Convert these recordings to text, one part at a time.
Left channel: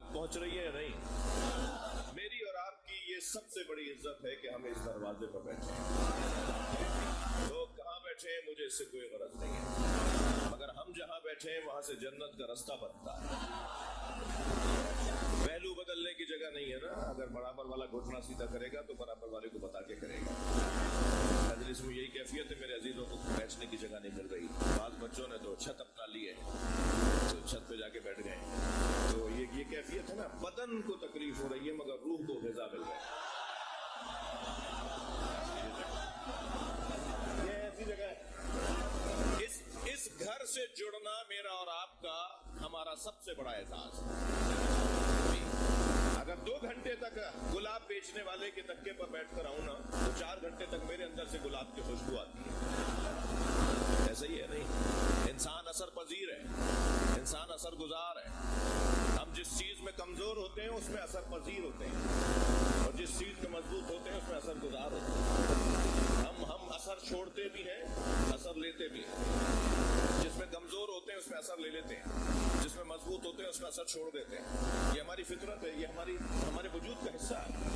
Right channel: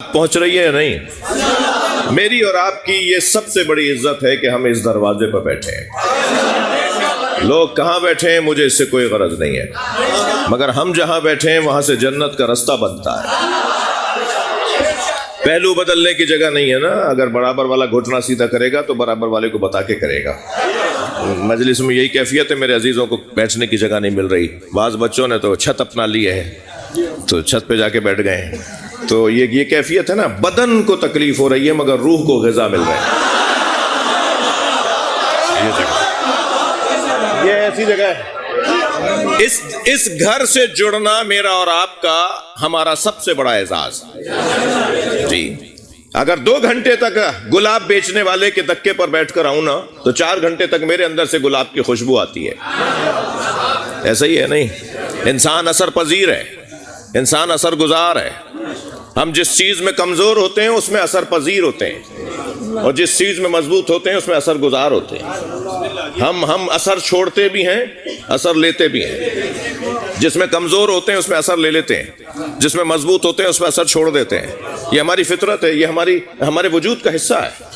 پہنچ رہی ہے یا نہیں؟ میری اور آپ کی یہ سب سے بڑی عزت ہے کہ ہم اس دروازے پر بیٹھے ہیں۔ لوگ کہاں بیٹھے ہیں مجھے اس سے کوئی غرض نہیں ہے، مگر ہم جہاں بیٹھے ہیں وہاں سے جنت کا رستہ بنتا ہے۔ پہلو بدلنے کی جگہ نہیں ہے نا، اگر برابر والا گھٹنا سیدھا کرے گا تو برابر والے کو بتا کے کرے گا۔ مجلس میں یہی کیفیت ہے، میرے عزیزوں کو بیٹھنے کی جگہ نہیں مل رہی۔ بعض بچوں نے تو چھت اپنا لی ہے تو چھت پہ جا کے بیٹھ گئے ہیں۔ تو یہ کیفیت ہے نا، بدن کو تکلیف ہو رہی ہے مگر روح کو غذا مل رہا ہے۔ یہ ایسی جگہ ہے، اس گھر سے جڑنا میرا اور آپ کا ہمارا سب سے بڑا اعزاز۔ جی اگر 2 گھنٹے تک گلاب بیچنے والے کے دکے پر بیٹھ کر آؤں نا تو 4 گھنٹے تک میرے اندر سے گلاب کی خوشبو آتی ہے۔ ایسا ہی ہے نہیں؟ انسان اثر پذیر ہے، انسان اثر گزار ہے۔ ہم جس چیز میں کمزور ہوتے ہیں اس میں اثر پذیر ہوتے ہیں، اور جس چیز میں مضبوط ہوتے ہیں اس میں اثر گزار ہوتے ہیں۔ ہم اثر چھوڑتے بھی ہیں، اثر لیتے بھی ہیں۔ جس میں کمزور ہوتے ہیں اس میں اثر لے لیتے ہیں، جس میں مضبوط ہوتے ہیں اس میں اثر چھوڑ دیتے ہیں۔ یہ ہماری فطرت ہے، یہ ہمارے وجود کا حصہ ہے۔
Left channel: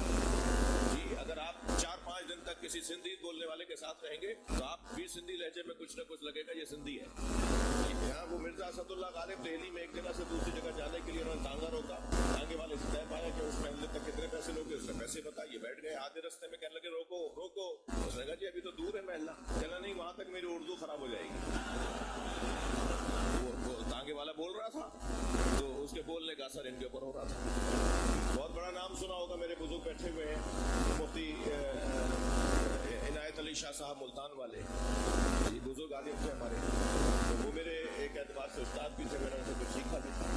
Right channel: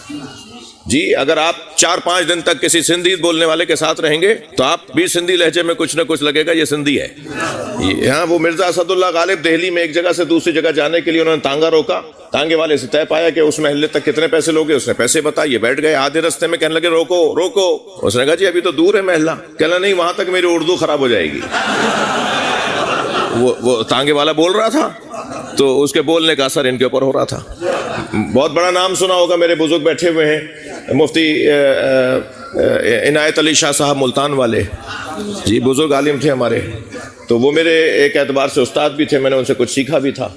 جی اگر آپ 4-5 دن تک کسی سندھی بولنے والے کے ساتھ رہیں گے تو آپ بھی سندھی لہجے میں کچھ نہ کچھ لگے گا یہ سندھی ہے۔ یہاں وہ مرزا اسد اللہ غالب دہلی میں ایک جگہ سے دوسری جگہ جانے کے لیے انہوں نے تانگا روکا، تانگے والے سے طے پایا کہ اس محلے تک کتنے پیسے لوگے، اس نے پیسے بتائے، یہ بیٹھ گئے۔ آدھے رستے میں کہنے لگے روکو روکو، اس نے کہا جی ابھی تو دور ہے محلہ۔ کہنا نہیں وہاں تک میری اردو خراب ہو جائے گی۔ وہ تانگے والا بول رہا تھا تو اس کے بولنے کا اثر ان کے اوپر ہو رہا تھا۔ بہت بڑا نام سنا ہوگا، میرے بزرگ بیٹھے ہوئے ہیں، مفتی عنایت علی شاہ صاحب ملتان والے، جی بزرگ عالم تھے ہمارے۔ تو وہ میرے ایک اعتبار سے استاد بھی تھے، میں نے ان سے کچھ سیکھا بھی تھا۔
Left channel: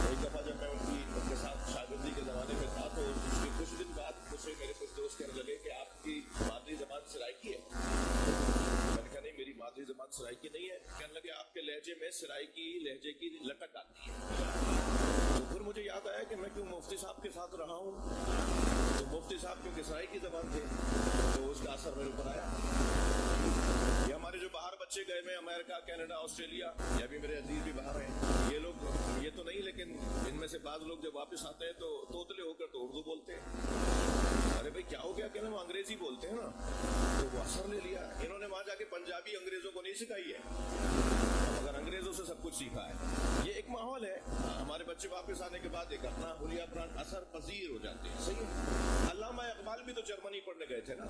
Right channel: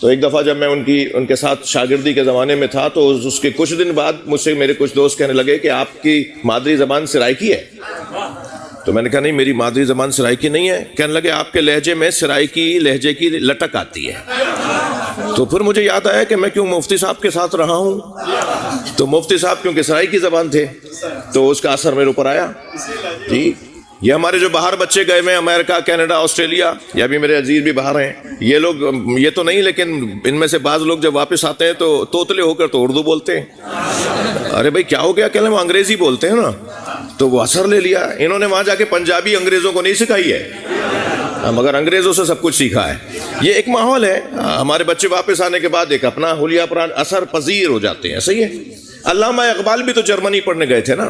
تو ایک دفعہ جب میں ان کے ساتھ شاگردی کے زمانے میں تھا تو اس کے کچھ دن بعد مجھ سے میرے کچھ دوست کہنے لگے کہ آپ کی مادری زبان سرائکی ہے۔ تو میں نے کہا نہیں میری مادری زبان سرائکی نہیں ہے۔ کہنے لگے آپ کے لہجے میں سرائکی لہجے کی لٹک آتی ہے۔ تو پھر مجھے یاد آیا کہ میں کیوں مفتی صاحب کے ساتھ رہا ہوں، تو مفتی صاحب کیونکہ سرائکی زبان تھے تو اس کا اثر میرے اوپر آیا۔ جی یہ ہمارے جو باہر بچے گئے ہوئے ہیں، امریکہ، کینیڈا، آسٹریلیا، یا بھی میرے عزیز بھی باہر ہیں، یہ لوگ یہ تو نہیں لیکن ان میں سے بعض لوگ جب واپس آتے ہیں تو توتلے ہو کر تو اردو بولتے ہیں۔ ارے بھائی کیا ہو گیا؟ کہنے وہ انگریزی بولتے ہیں نا، تو وہ اثر لے لیا۔ انہوں نے وہاں جا کے پنجابی انگریزوں کو نہیں سکھائی ہے، مگر انگریزوں سے سب کچھ سیکھا ہے۔ یہ ایک ماحول ہے، ہمارے بچے واپس آنے کے بعد ایک اپنا حلیہ پران اثر پذیر ہو جاتے ہیں۔ صحیح ہے؟ علامہ اقبال بھی تو جرمنی پڑھنے گئے تھے نا،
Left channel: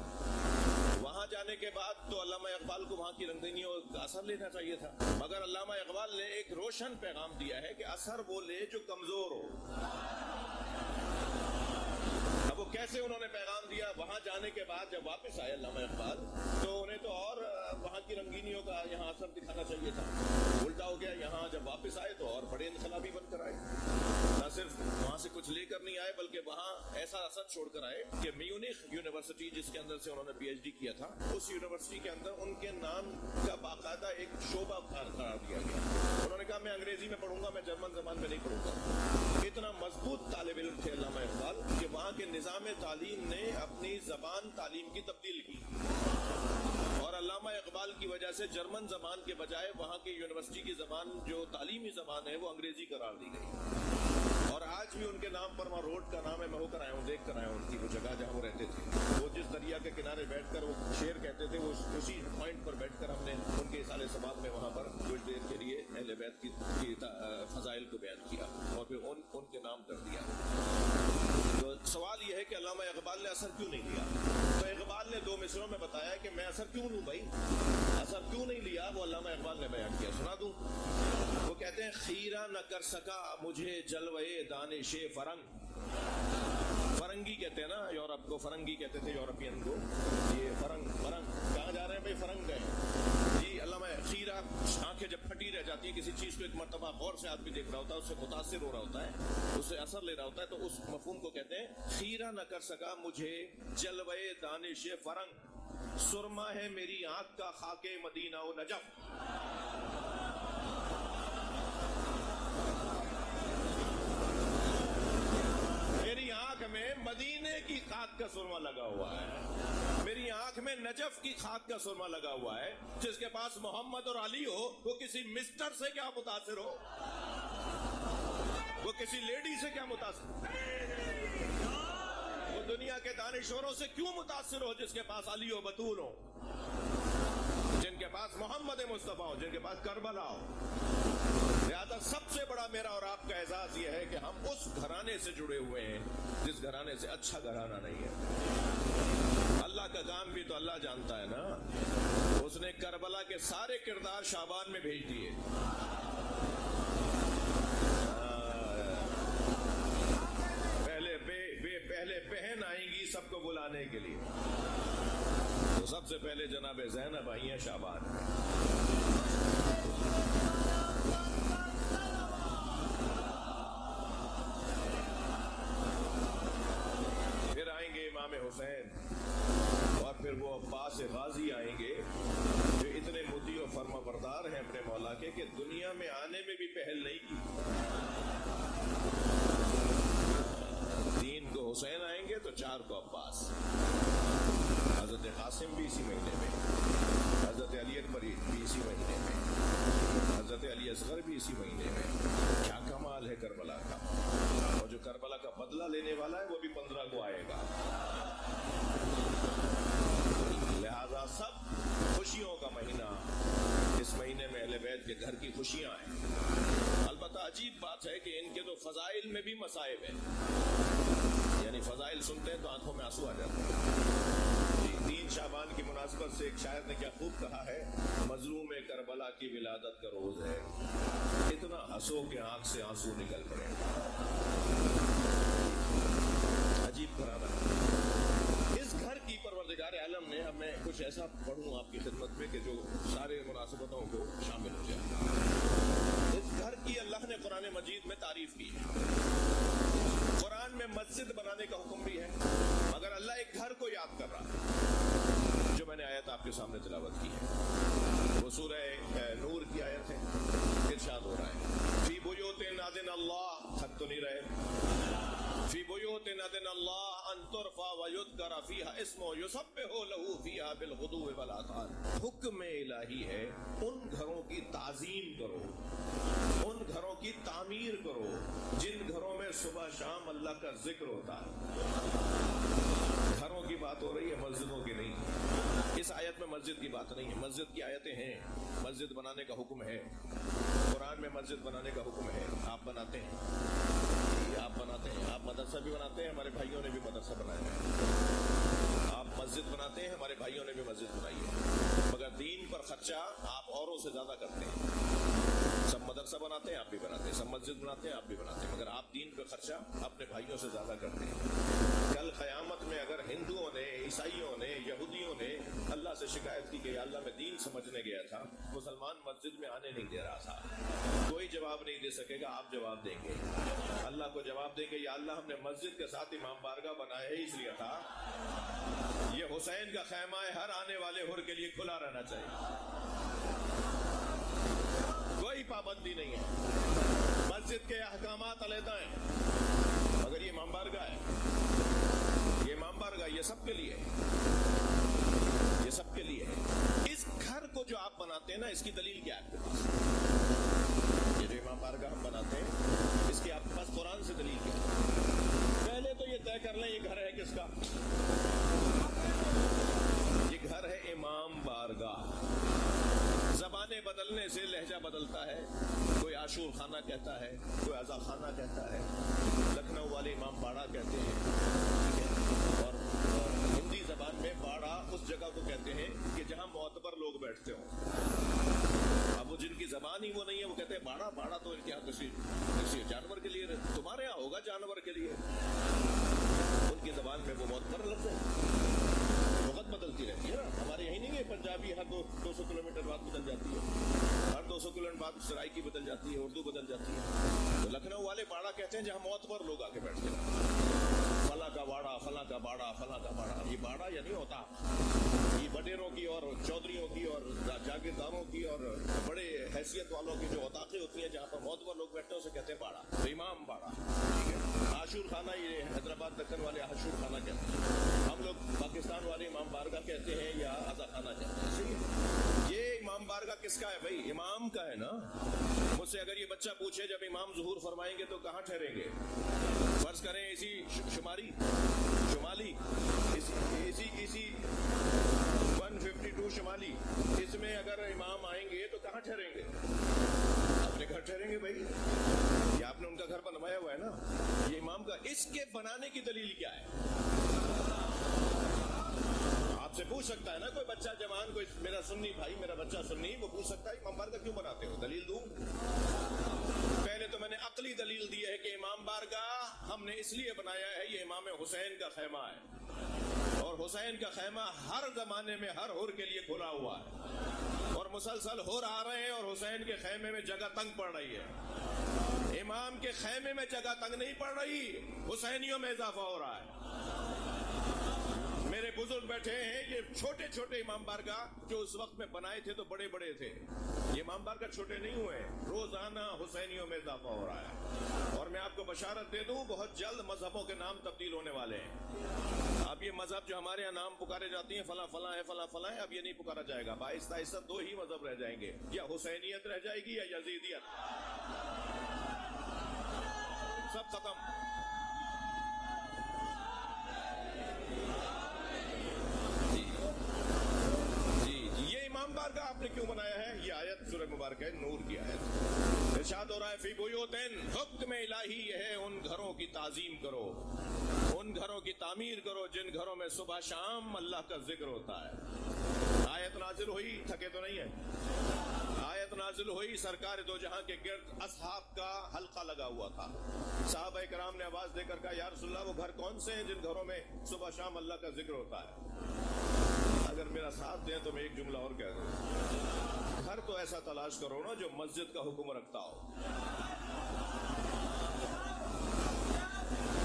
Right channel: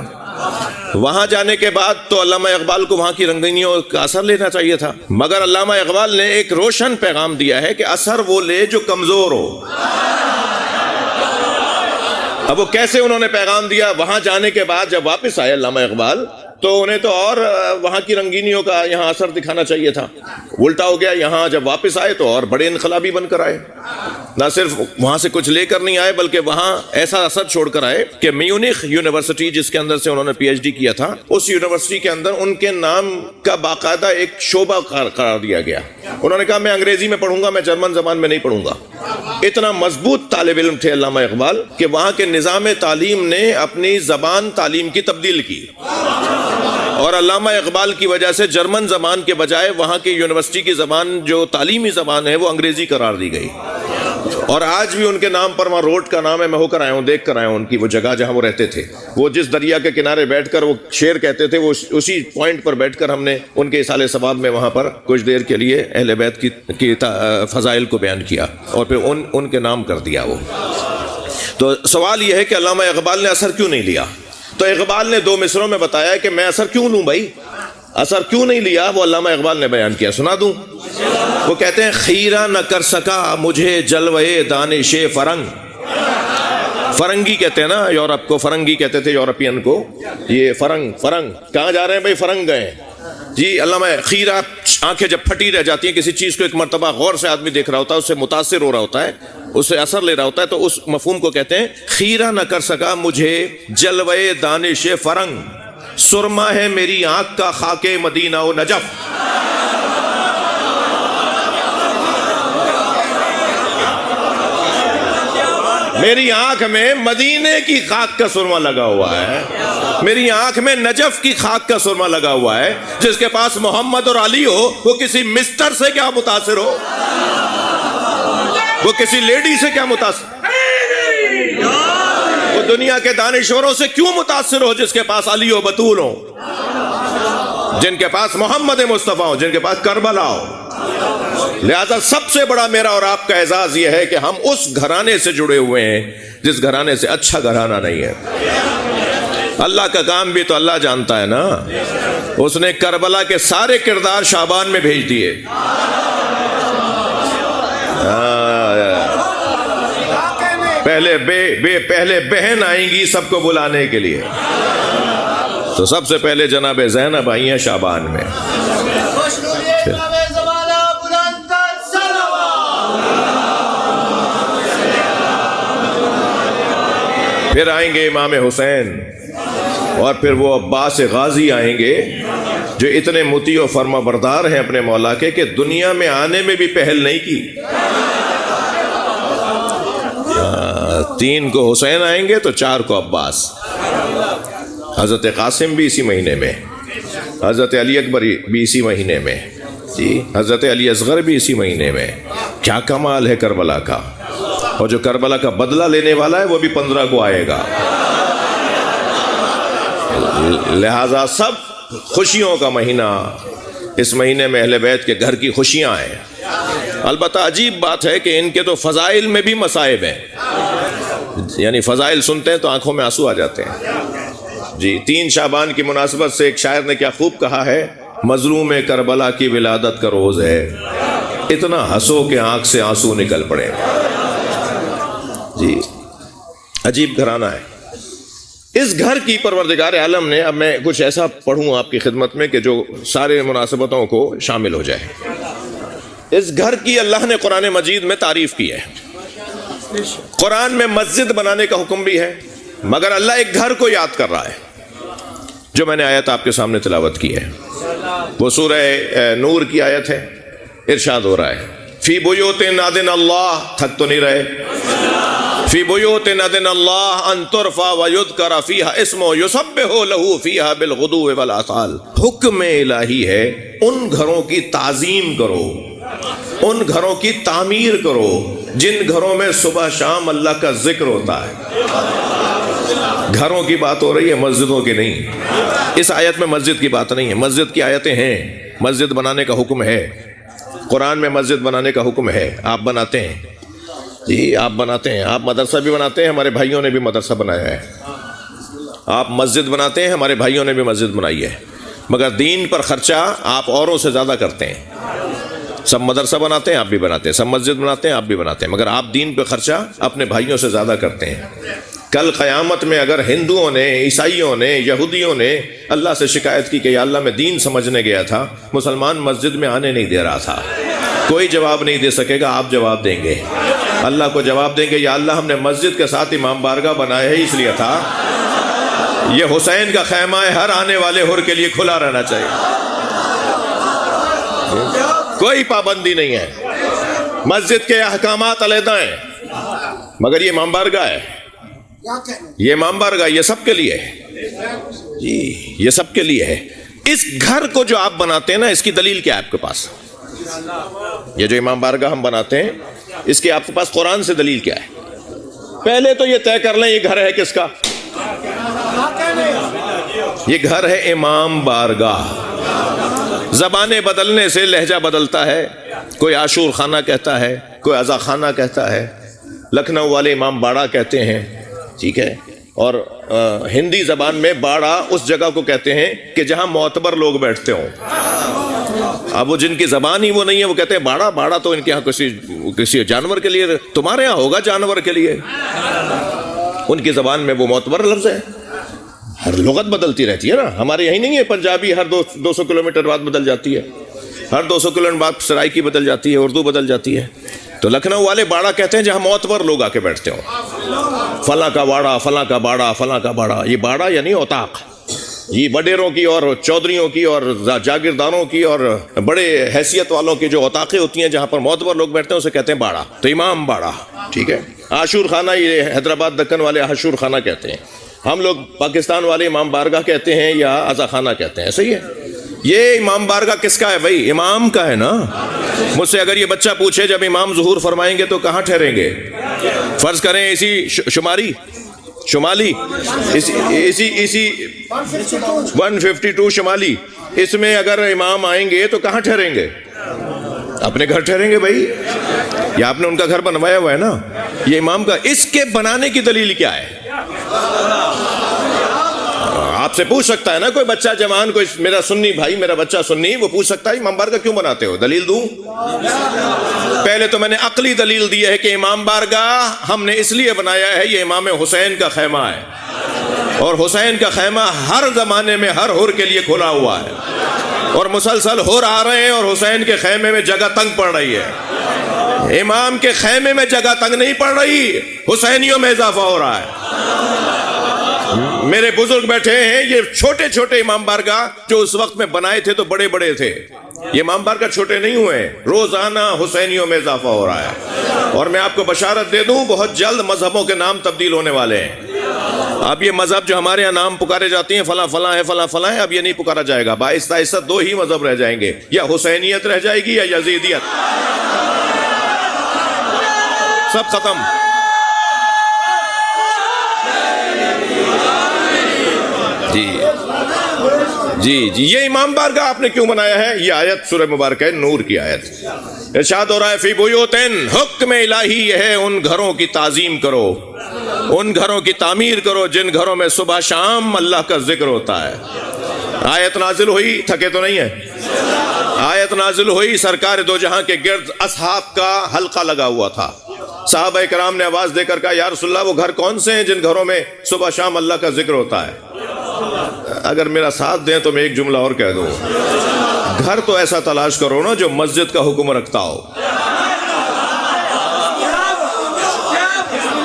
وہاں جانے کے بعد تو علامہ اقبال کو وہاں کی رنگینیوں کا اثر لینا چاہیے تھا، مگر علامہ اقبال نے ایک روشن پیغام دیا ہے کہ اثر وہ لے جو کمزور ہو۔ اب وہ کیسے انہوں نے پیغام دیا؟ وہاں جانے کے بعد جب واپس آئے علامہ اقبال تو انہیں تو اور وہاں کی رنگینیوں کا یہاں اثر دکھانا چاہیے تھا، الٹا ہو گیا۔ یہاں جب واپس آئے تو اور بڑے انقلابی بن کر آئے، نہ صرف وہاں سے کچھ لے کر نہیں آئے بلکہ وہاں ایسا اثر چھوڑ کر آئے کہ میونخ یونیورسٹی جس کے اندر سے انہوں نے پی ایچ ڈی کیا تھا، اس یونیورسٹی کے اندر ان کے نام کا باقاعدہ ایک شعبہ قرار دیا گیا۔ انہوں نے کہا میں انگریزی میں پڑھوں گا، میں جرمن زبان میں نہیں پڑھوں گا۔ اتنا مضبوط طالب علم تھے علامہ اقبال کہ وہاں کے نظام تعلیم نے اپنی زبان تعلیم کی تبدیل کی، اور علامہ اقبال کی وجہ سے جرمن زبان کے بجائے وہاں کی یونیورسٹی کی زبان جو تعلیمی زبان ہے وہ انگریزی قرار دی گئی۔ اور آج بھی ان کے نام پر وہاں روڈ کا نام ہے، میں ہو کر آیا ہوں، دیکھ کر آیا ہوں ان کی وہ جگہ جہاں وہ رہتے تھے۔ وہ جس دریا کے کنارے بیٹھ کر وہ شعر کہتے تھے، وہ اسی پوائنٹ پر بیٹھ کر ہم نے ان کے اصالِ ثواب میں وہاں پر کچھ دیر کے لیے اہل بیت کی فضائل کو بیان کیا اور پھر ان کے نام کر دیا وہ۔ تو سوال یہ ہے کہ علامہ اقبال نے اثر کیوں نہیں لیا؟ تو اقبال نے 2 مصروں میں بتایا کہ میں اثر کیوں لوں بھائی، اثر کیوں نہیں لیا، وہ علامہ اقبال نے بیان کیا، سنا دوں۔ وہ کہتے ہیں خیرہ نہ کر سکا مجھے جلوے دانش فرنگ۔ فرنگی کہتے ہیں نا یورپ کو، فرنگی کہتے تھے یورپین کو، یہ فرنگ کہاں جا رہے ہیں بھائی؟ فرنگ گئے جی۔ علامہ خیرہ، آنکھیں جب پھٹی رہ جاتی ہیں کسی چیز کو ایک مرتبہ غور سے آدمی دیکھ رہا ہوتا ہے، اس سے متاثر ہو رہا ہوتا ہے، اس سے اثر لے رہا ہوتا ہے، تو اس مفہوم کو کہتے ہیں خیرہ نہ کر سکا مجھے جلوے دانش فرنگ، سرما ہے میری آنکھ کا خاک مدینہ و نجف۔ میری آنکھ میں مدینے کی خاک کا سرما لگا ہوا ہے، میری آنکھ میں نجف کی خاک کا سرما لگا ہوا ہے۔ جس کے پاس محمد اور علی ہو وہ کسی مسٹر سے کیا متاثر ہو؟ وہ کسی لیڈی سے کیا متاثر، وہ دنیا کے دانشوروں سے کیوں متاثر ہو جس کے پاس علی و بطول ہو، جن کے پاس محمد مصطفیٰ ہو، جن کے پاس کربلا ہو۔ لہذا سب سے بڑا میرا اور آپ کا اعزاز یہ ہے کہ ہم اس گھرانے سے جڑے ہوئے ہیں جس گھرانے سے اچھا گھرانہ نہیں ہے۔ اللہ کا کام بھی تو اللہ جانتا ہے نا، اس نے کربلا کے سارے کردار شعبان میں بھیج دیے۔ پہلے بہن آئیں گی سب کو بلانے کے لیے، تو سب سے پہلے جناب زینب آئی ہیں شعبان میں، پھر آئیں گے امام حسین، اور پھر وہ عباس غازی آئیں گے جو اتنے مطیع و فرما بردار ہیں اپنے مولا کے کہ دنیا میں آنے میں بھی پہل نہیں کی۔ 3 کو حسین آئیں گے تو 4 کو عباس، حضرت قاسم بھی اسی مہینے میں، حضرت علی اکبر بھی اسی مہینے میں، جی حضرت علی اصغر بھی اسی مہینے میں۔ کیا کمال ہے کربلا کا، اور جو کربلا کا بدلہ لینے والا ہے وہ بھی 15 کو آئے گا۔ لہذا سب خوشیوں کا مہینہ، اس مہینے میں اہل بیت کے گھر کی خوشیاں ہیں۔ البتہ عجیب بات ہے کہ ان کے تو فضائل میں بھی مصائب ہیں، یعنی فضائل سنتے ہیں تو آنکھوں میں آنسو آ جاتے ہیں۔ جی 3 شعبان کی مناسبت سے ایک شاعر نے کیا خوب کہا ہے، مظلوم کربلا کی ولادت کا روز ہے، اتنا ہنسو کہ آنکھ سے آنسو نکل پڑے۔ جی عجیب گھرانہ ہے۔ اس گھر کی پروردگار عالم نے، اب میں کچھ ایسا پڑھوں آپ کی خدمت میں کہ جو سارے مناسبتوں کو شامل ہو جائے۔ اس گھر کی اللہ نے قرآن مجید میں تعریف کی ہے۔ قرآن میں مسجد بنانے کا حکم بھی ہے، مگر اللہ ایک گھر کو یاد کر رہا ہے، جو میں نے آیت آپ کے سامنے تلاوت کی ہے، وہ سورہ نور کی آیت ہے۔ ارشاد ہو رہا ہے فی بیوت اذن اللہ، تھک تو نہیں رہے، فی بیوت اذن اللہ ان ترفع ویذکر فیہا اسمہ یسبح لہ فیہا بالغدو والآصال۔ حکم الہی ہے ان گھروں کی تعظیم کرو، ان گھروں کی تعمیر کرو جن گھروں میں صبح شام اللہ کا ذکر ہوتا ہے۔ گھروں کی بات ہو رہی ہے، مسجدوں کی نہیں۔ اس آیت میں مسجد کی بات نہیں ہے، مسجد کی آیتیں ہیں، مسجد بنانے کا حکم ہے، قرآن میں مسجد بنانے کا حکم ہے۔ آپ بناتے ہیں، جی آپ بناتے ہیں، آپ مدرسہ بھی بناتے ہیں، ہمارے بھائیوں نے بھی مدرسہ بنایا ہے۔ آپ مسجد بناتے ہیں، ہمارے بھائیوں نے بھی مسجد بنائی ہے، مگر دین پر خرچہ آپ اوروں سے زیادہ کرتے ہیں۔ سب مدرسہ بناتے ہیں، آپ بھی بناتے ہیں، سب مسجد بناتے ہیں، آپ بھی بناتے ہیں، مگر آپ دین پہ خرچہ اپنے بھائیوں سے زیادہ کرتے ہیں۔ کل قیامت میں اگر ہندوؤں نے، عیسائیوں نے، یہودیوں نے اللہ سے شکایت کی کہ یا اللہ میں دین سمجھنے گیا تھا، مسلمان مسجد میں آنے نہیں دے رہا تھا، کوئی جواب نہیں دے سکے گا، آپ جواب دیں گے، اللہ کو جواب دیں گے یا اللہ ہم نے مسجد کے ساتھ امام بارگاہ بنایا ہے، اس لیے تھا یہ حسین کا خیمہ ہے، ہر آنے والے حر کے لیے کھلا رہنا چاہیے، کوئی پابندی نہیں ہے، مسجد کے احکامات علیحدہ ہیں، مگر یہ امام بارگاہ ہے، یہ امام بارگاہ، یہ سب کے لیے ہے، جی یہ سب کے لیے ہے۔ اس گھر کو جو آپ بناتے ہیں نا، اس کی دلیل کیا ہے آپ کے پاس؟ یہ جو امام بارگاہ ہم بناتے ہیں، اس کی آپ کے پاس قرآن سے دلیل کیا ہے؟ پہلے تو یہ طے کر لیں یہ گھر ہے کس کا؟ یہ گھر ہے امام بارگاہ۔ زبانیں بدلنے سے لہجہ بدلتا ہے، کوئی عاشور خانہ کہتا ہے، کوئی عزا خانہ کہتا ہے، لکھنؤ والے امام باڑہ کہتے ہیں، ٹھیک ہے، اور ہندی زبان میں باڑہ اس جگہ کو کہتے ہیں کہ جہاں معتبر لوگ بیٹھتے ہوں۔ اب وہ جن کی زبان ہی وہ نہیں ہے وہ کہتے ہیں باڑہ، باڑہ تو ان کے یہاں کسی جانور کے لیے، تمہارے یہاں ہوگا جانور کے لیے، ان کی زبان میں وہ معتبر لفظ ہے۔ ہر لغت بدلتی رہتی ہے نا، ہمارے یہی نہیں ہے پنجابی ہر 200 کلومیٹر بعد بدل جاتی ہے، ہر 200 کلومیٹر بعد سرائکی بدل جاتی ہے، اردو بدل جاتی ہے۔ تو لکھنؤ والے باڑہ کہتے ہیں جہاں معتبر لوگ آ کے بیٹھتے ہوں، فلاں کا باڑہ، فلاں کا باڑہ، فلاں کا باڑہ۔ یہ باڑہ یعنی اوطاق، یہ وڈیروں کی اور چودھریوں کی اور جاگیرداروں کی اور بڑے حیثیت والوں کی جو اوطاقیں ہوتی ہیں جہاں پر معتبر لوگ بیٹھتے ہیں اسے کہتے ہیں باڑہ، تو امام باڑہ، ٹھیک ہے۔ عاشور خانہ، یہ حیدرآباد دکن والے عاشور خانہ کہتے ہیں، ہم لوگ پاکستان والے امام بارگاہ کہتے ہیں یا عزا خانہ کہتے ہیں، صحیح ہے۔ یہ امام بارگاہ کس کا ہے بھائی؟ امام کا ہے نا. مجھ سے اگر یہ بچہ پوچھے جب امام ظہور فرمائیں گے تو کہاں ٹھہریں گے؟ فرض کریں اسی شمالی اسی 152 شمالی، اس میں اگر امام آئیں گے تو کہاں ٹھہریں گے؟ اپنے گھر ٹھہریں گے بھائی. یا آپ نے ان کا گھر بنوایا ہوا ہے نا. یہ امام کا، اس کے بنانے کی دلیل کیا ہے؟ آپ سے پوچھ سکتا ہے نا کوئی بچہ جوان، کوئی میرا سنی بھائی، میرا بچہ سنی، وہ پوچھ سکتا ہے امام بارگاہ کیوں بناتے ہو؟ دلیل دوں؟ پہلے تو میں نے عقلی دلیل دی ہے کہ امام بارگاہ ہم نے اس لیے بنایا ہے، یہ امام حسین کا خیمہ ہے، اور حسین کا خیمہ ہر زمانے میں ہر حر کے لیے کھلا ہوا ہے، اور مسلسل حر آ رہے ہیں، اور حسین کے خیمے میں جگہ تنگ پڑ رہی ہے. امام کے خیمے میں جگہ تنگ نہیں پڑ رہی، حسینیوں میں اضافہ ہو رہا ہے. میرے بزرگ بیٹھے ہیں، یہ چھوٹے چھوٹے امام بارگاہ جو اس وقت میں بنائے تھے تو بڑے بڑے تھے. یہ امام بارگاہ چھوٹے نہیں ہوئے، روزانہ حسینیوں میں اضافہ ہو رہا ہے. اور میں آپ کو بشارت دے دوں، بہت جلد مذہبوں کے نام تبدیل ہونے والے ہیں. اب یہ مذہب جو ہمارے یہاں نام پکارے جاتے ہیں فلاں فلاں ہے، فلاں فلاں ہے، اب یہ نہیں پکارا جائے گا. آہستہ آہستہ دو ہی مذہب رہ جائیں گے، یا حسینیت رہ جائے گی یا یزیدیت. سب ختم. جی یہ امام بارگاہ آپ نے کیوں بنایا ہے؟ یہ آیت سورہ مبارکہ ہے، نور کی آیت. ارشاد ہو رہا ہے فی بیوتن، حکم الہی یہ ہے ان گھروں کی تعظیم کرو، ان گھروں کی تعمیر کرو جن گھروں میں صبح شام اللہ کا ذکر ہوتا ہے. آیت نازل ہوئی، تھکے تو نہیں ہے؟ آیت نازل ہوئی، سرکار دو جہاں کے گرد اصحاب کا حلقہ لگا ہوا تھا. صحابہ کرام نے آواز دے کر کہا یا رسول اللہ وہ گھر کون سے ہیں جن گھروں میں صبح شام اللہ کا ذکر ہوتا ہے؟ اگر میرا ساتھ دیں تو میں ایک جملہ اور کہہ دوں، گھر تو ایسا تلاش کرو نا جو مسجد کا حکم رکھتا ہو.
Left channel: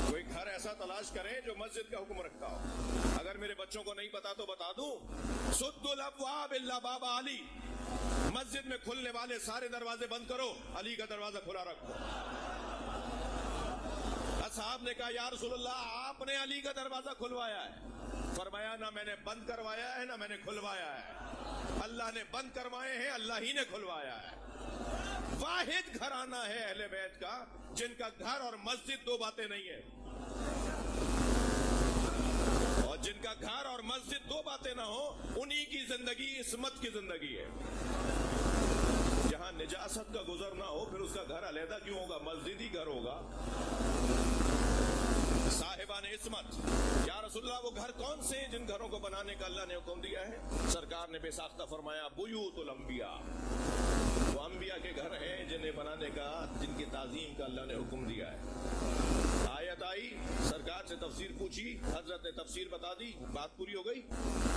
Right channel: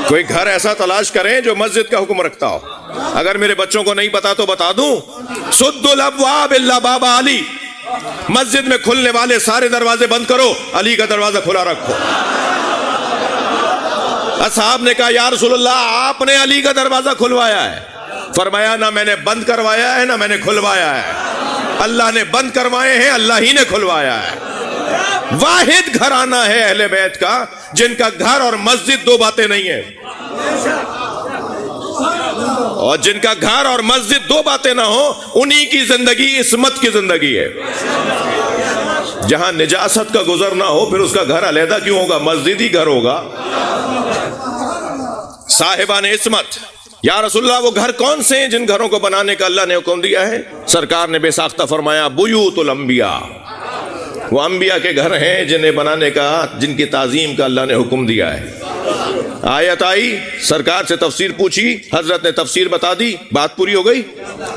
کوئی گھر ایسا تلاش کریں جو مسجد کا حکم رکھتا ہو. اگر میرے بچوں کو نہیں پتا تو بتا دوں، سد الابواب الا باب علی، مسجد میں کھلنے والے سارے دروازے بند کرو، علی کا دروازہ کھلا رکھو. اصحاب نے کہا یا رسول اللہ آپ نے علی کا دروازہ کھلوایا ہے. فرمایا نہ میں نے بند کروایا ہے نہ میں نے کھلوایا ہے، اللہ نے بند کروائے ہیں، اللہ ہی نے کھلوایا ہے. واحد گھرانہ ہے اہل بیت کا جن کا گھر اور مسجد دو باتیں نہیں ہیں، اور جن کا گھر اور مسجد دو باتیں نہ ہو انہی کی زندگی عصمت کی زندگی ہے. جہاں نجاست کا گزر نہ ہو پھر اس کا گھر علیحدہ کیوں ہوگا؟ مسجد ہی گھر ہوگا. صاحبان عصمت، یا رسول اللہ وہ گھر کون سے ہیں جن گھروں کو بنانے کا اللہ نے حکم دیا ہے؟ سرکار نے بے ساختہ فرمایا بیوت الانبیاء، وہ انبیاء کے گھر ہیں جنہیں بنانے کا، جن کی تعظیم کا اللہ نے حکم دیا ہے. آیت آئی، سرکار سے تفسیر پوچھی، حضرت نے تفسیر بتا دی، بات پوری ہو گئی.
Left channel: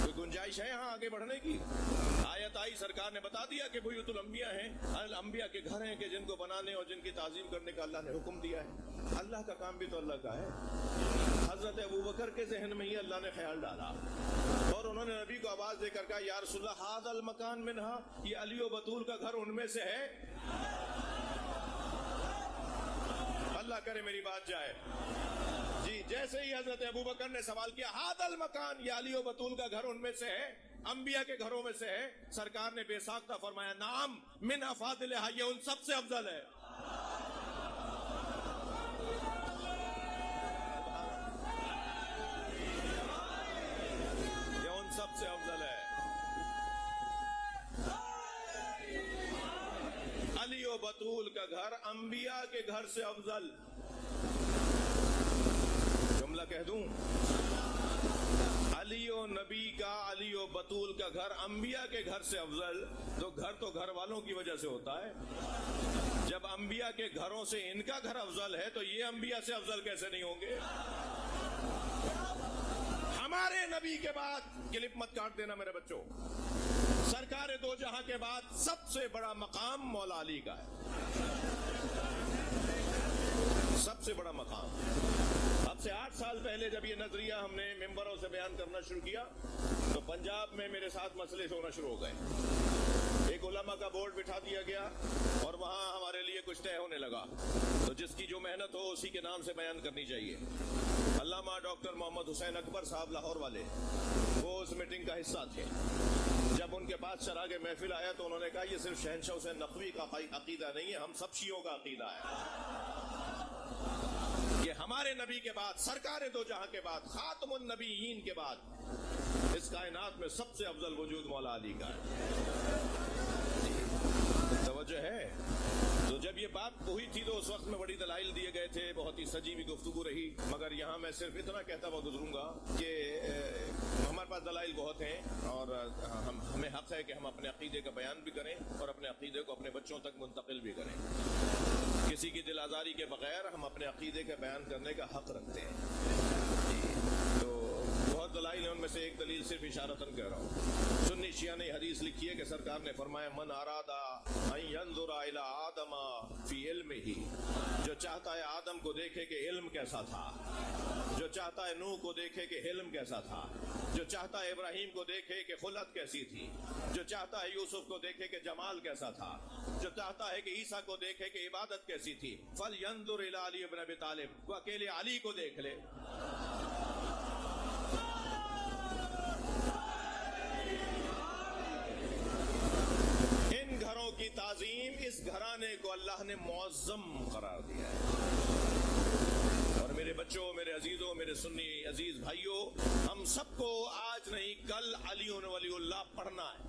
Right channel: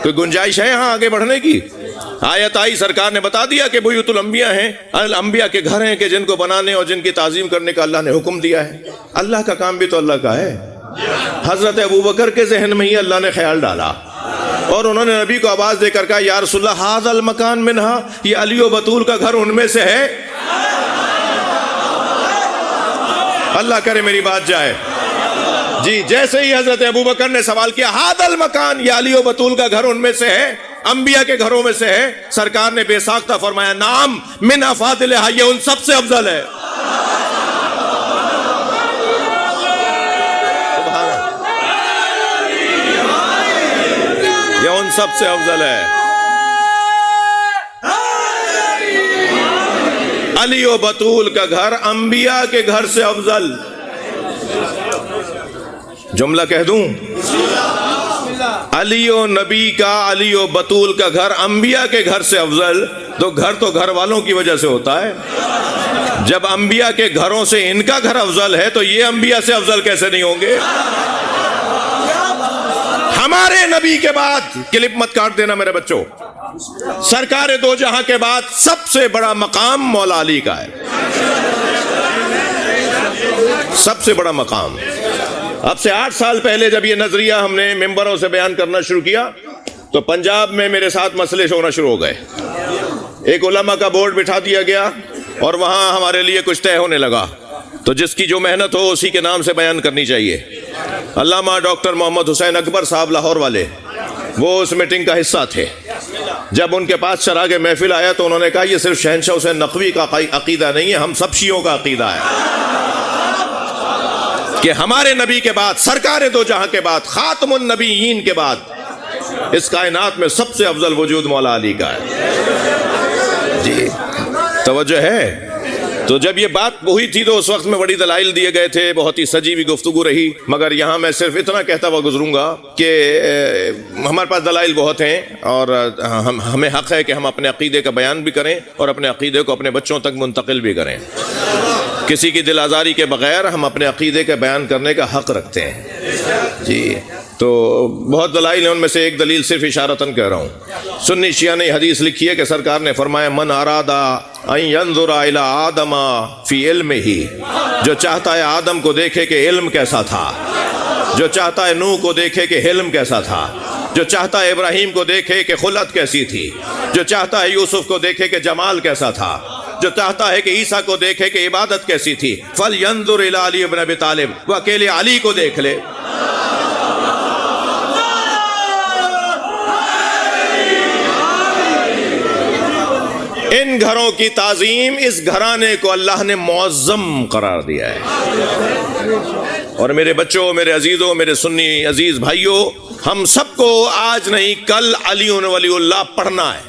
کوئی گنجائش ہے یہاں آگے بڑھنے کی؟ آیت آئی، سرکار نے بتا دیا کہ بیوت الانبیاء ہیں، انبیاء کے گھر ہیں کہ جن کو بنانے اور جن کی تعظیم کرنے کا اللہ نے حکم دیا ہے. اللہ کا کام بھی تو اللہ کا ہے. حضرت ابوبکر کے ذہن میں ہی اللہ نے خیال ڈالا اور انہوں نے نبی کو آواز دے کر کہا یا رسول اللہ ھذا المکان منہا، یہ علی و بطول کا گھر ان میں سے ہے. اللہ کرے میری بات جائے. جی جیسے ہی حضرت ابوبکر نے سوال کیا ھذا المکان، یہ علی و بطول کا گھر ان میں سے ہے، انبیاء کے گھروں میں سے ہے، سرکار نے بے ساختہ فرمایا نعم من افاضلھا، یہ ان سب سے افضل ہے. یہ ان سب سے افضل ہے. علی و بطول کا گھر انبیاء کے گھر سے افضل. جملہ کہہ دوں، علی و نبی کا، علی و بطول کا گھر انبیاء کے گھر سے افضل. تو گھر والوں کی وجہ سے ہوتا ہے. جب انبیاء کے گھروں سے ان کا گھر افضل ہے تو یہ انبیاء سے افضل کیسے نہیں ہوں گے؟ ہمارے نبی کے بعد، کلپ مت کاٹ دینا میرے بچوں، سرکار دو جہاں کے بعد سب سے بڑا مقام مولا علی کا ہے. سب سے بڑا مقام. اب سے 8 سال پہلے جب یہ نظریہ ہم نے ممبروں سے بیان کرنا شروع کیا تو پنجاب میں میرے ساتھ مسئلے ہونا شروع ہو گئے. ایک علماء کا بورڈ بٹھا دیا گیا اور وہاں ہمارے لیے کچھ طے ہونے لگا. تو جس کی جو محنت ہو اسی کے نام سے بیان کرنی چاہیے. علامہ ڈاکٹر محمد حسین اکبر صاحب لاہور والے، وہ اس میٹنگ کا حصہ تھے. جب ان کے پاس چراغ محفل آیا تو انہوں نے کہا یہ صرف شہنشاہ حسین نقوی کا عقیدہ نہیں ہے، ہم سب شیعوں کا عقیدہ ہے کہ ہمارے نبی کے بعد، سرکار دو جہاں کے بعد، خاتم النبیین کے بعد اس کائنات میں سب سے افضل وجود مولا علی کا ہے۔ جی توجہ ہے؟ تو جب یہ بات ہوئی تھی تو اس وقت میں بڑی دلائل دیے گئے تھے، بہت ہی سجی ہوئی گفتگو رہی، مگر یہاں میں صرف اتنا کہتا ہوا گزروں گا کہ ہمارے پاس دلائل بہت ہیں، اور ہمیں حق ہے کہ ہم اپنے عقیدے کا بیان بھی کریں اور اپنے عقیدے کو اپنے بچوں تک منتقل بھی کریں۔ کسی کی دل آزاری کے بغیر ہم اپنے عقیدے کا بیان کرنے کا حق رکھتے ہیں۔ جی تو بہت دلائل ہیں، ان میں سے ایک دلیل صرف اشارتاً کہہ رہا ہوں۔ سنی شیعہ نے حدیث لکھی ہے کہ سرکار نے فرمایا من ارادہ ان ينظر الى آدم فی علمہ، جو چاہتا ہے آدم کو دیکھے کہ علم کیسا تھا، جو چاہتا ہے نوح کو دیکھے کہ حلم کیسا تھا، جو چاہتا ہے ابراہیم کو دیکھے کہ خلت کیسی تھی، جو چاہتا ہے یوسف کو دیکھے کہ جمال کیسا تھا، جو چاہتا ہے کہ عیسیٰ کو دیکھے کہ عبادت کیسی تھی، فَلْيَنظُرْ إِلَىٰ عَلِيِّ بْنِ أَبِي طَالِبٍ، وہ اکیلے علی کو دیکھ لے۔ ان گھروں کی تعظیم، اس گھرانے کو اللہ نے معظم قرار دیا ہے۔ اور میرے بچوں، میرے عزیزوں، میرے سنی عزیز بھائیوں، ہم سب کو آج نہیں کل علی ولی اللہ پڑھنا ہے،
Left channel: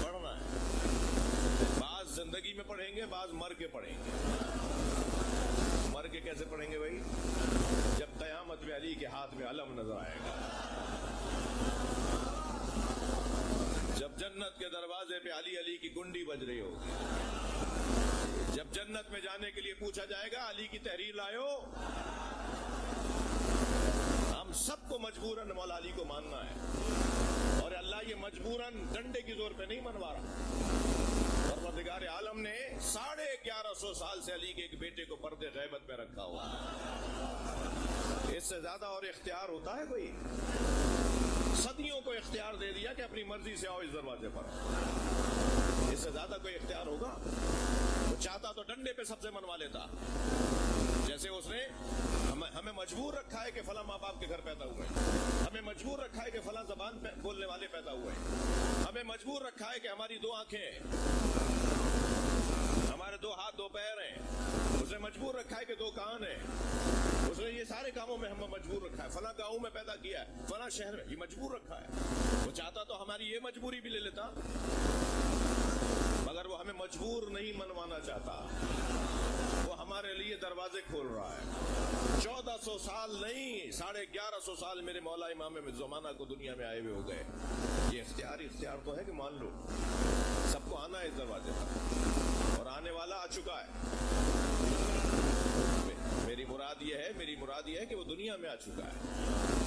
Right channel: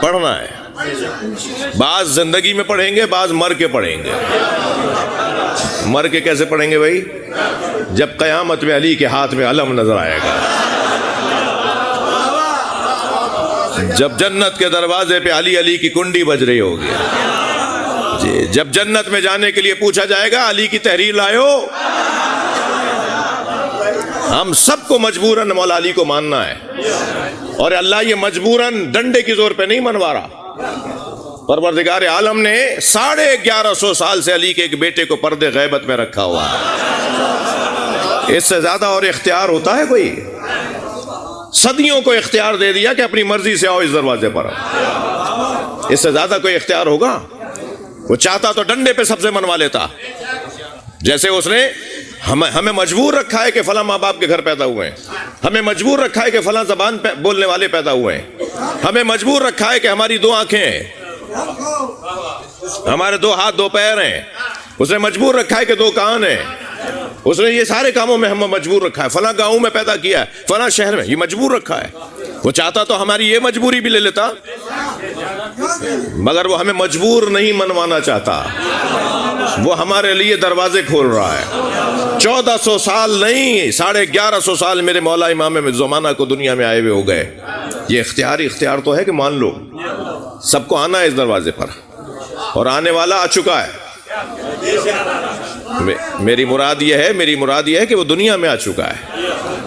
پڑھنا ہے۔ بعض زندگی میں پڑھیں گے، بعض مر کے پڑھیں گے۔ مر کے کیسے پڑھیں گے بھائی؟ جب قیامت میں علی کے ہاتھ میں علم نظر آئے گا، جب جنت کے دروازے پہ علی علی کی کنڈی بج رہی ہوگی، جی جب جنت میں جانے کے لیے پوچھا جائے گا علی کی تحریر لائے ہو، ہم سب کو مجبوراً مولا علی کو ماننا ہے۔ اور اللہ یہ مجبوراً ڈنڈے کی زور پہ نہیں منوا رہا۔ پروردگار عالم نے 1150 سال سے علی کے ایک بیٹے کو پردے غیبت میں رکھا ہوا ہے۔ اس سے زیادہ اور اختیار ہوتا ہے کوئی؟ صدیوں کو اختیار دے دیا کہ اپنی مرضی سے آؤ اس دروازے پر، اس سے زیادہ کوئی اختیار ہوگا؟ وہ چاہتا تو ڈنڈے پہ سب سے منوا لیتا، جیسے اس نے ہمیں مجبور رکھا ہے کہ فلاں ماں باپ کے گھر پیدا ہوئے ہیں، ہمیں مجبور رکھا ہے کہ فلاں زبان بولنے والے پیدا ہوئے ہیں، ہمیں مجبور رکھا ہے کہ ہماری 2 آنکھیں ہیں، ہمارے 2 ہاتھ 2 پیر ہیں، اس نے مجبور رکھا ہے کہ 2 کان ہیں، اس نے یہ سارے کاموں میں ہمیں مجبور رکھا ہے، فلاں گاؤں میں پیدا کیا ہے، فلاں شہر میں، یہ مجبور رکھا ہے۔ وہ چاہتا تو ہماری یہ مجبوری بھی لے لیتا، مگر وہ ہمیں مجبور نہیں منوانا چاہتا، وہ ہمارے لیے دروازے کھول رہا ہے۔ 1400 سال نہیں، 1150 سال میرے مولا امام زمانہ کو دنیا میں آئے ہوئے ہو گئے۔ یہ اختیار تو ہے کہ مان لو، سب کو آنا ہے اس دروازے پر، اور آنے والا آ چکا ہے۔ میری مراد یہ ہے کہ وہ دنیا میں آ چکا ہے۔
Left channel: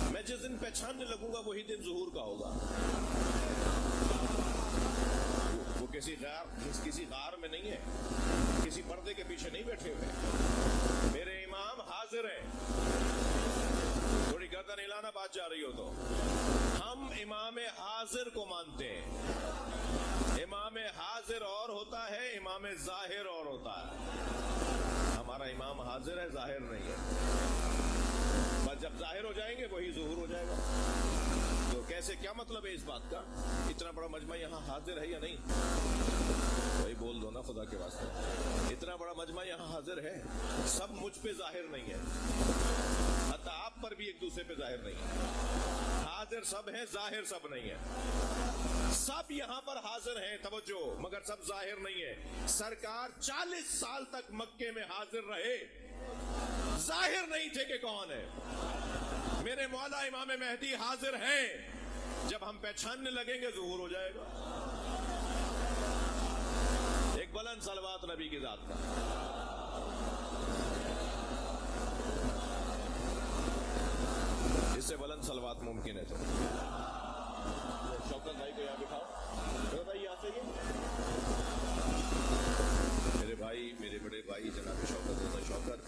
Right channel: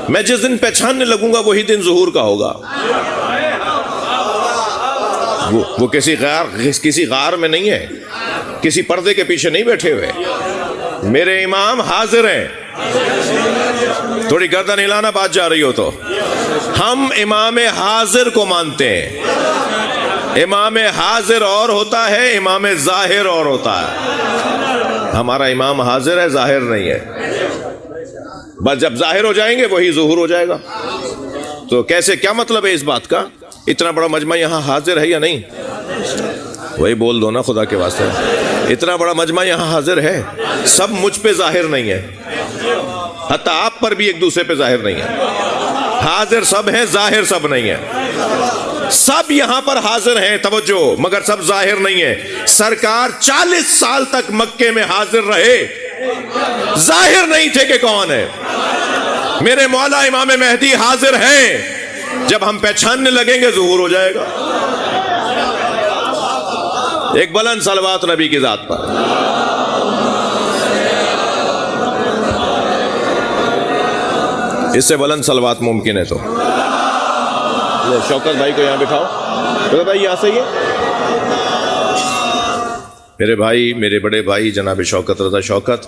میں جس دن پہچاننے لگوں گا وہی دن ظہور کا ہوگا۔ وہ کسی غار میں نہیں ہے، کسی پردے کے پیچھے نہیں بیٹھے ہوئے، میرے امام حاضر ہیں۔ تھوڑی گردن ہلانا بات جا رہی ہو تو، ہم امام حاضر کو مانتے ہیں۔ امام حاضر اور ہوتا ہے، امام ظاہر اور ہوتا ہے۔ ہمارا امام حاضر ہے، ظاہر نہیں ہے۔ بس جب ظاہر ہو جائیں گے وہی ظہور ہو جائے گا۔ تو کیسے، کیا مطلب ہے اس بات کا؟ اتنا بڑا مجمع یہاں حاضر ہے یا نہیں؟ وہی بول دو نا خدا کے واسطے، اتنا بڑا مجمع یہاں حاضر ہے، سب مجھ پہ ظاہر نہیں ہے، حتیٰ آپ پر بھی ایک دوسرے پہ ظاہر نہیں ہے۔ حاضر سب ہیں، ظاہر سب نہیں ہے۔ سب یہاں پر حاضر ہیں، توجہ، مگر سب ظاہر نہیں ہے۔ سرکار 40 سال تک مکے میں حاضر رہے، ظاہر نہیں تھے کہ کون ہے۔ میرے مولا امام مہدی حاضر ہیں، جب ہم پہچاننے لگیں گے ظہور ہو جائے گا۔ ایک بلند صلوات نبی کی ذات پر۔ اس سے بلند صلوات ممکن ہے تو شوکت بھائی کو یہاں بٹھاؤ۔ شوکت بھائی یہاں سے ہی ہے، میرے بھائی، میرے بڑے بھائی جناب شوکت رضا شوکت،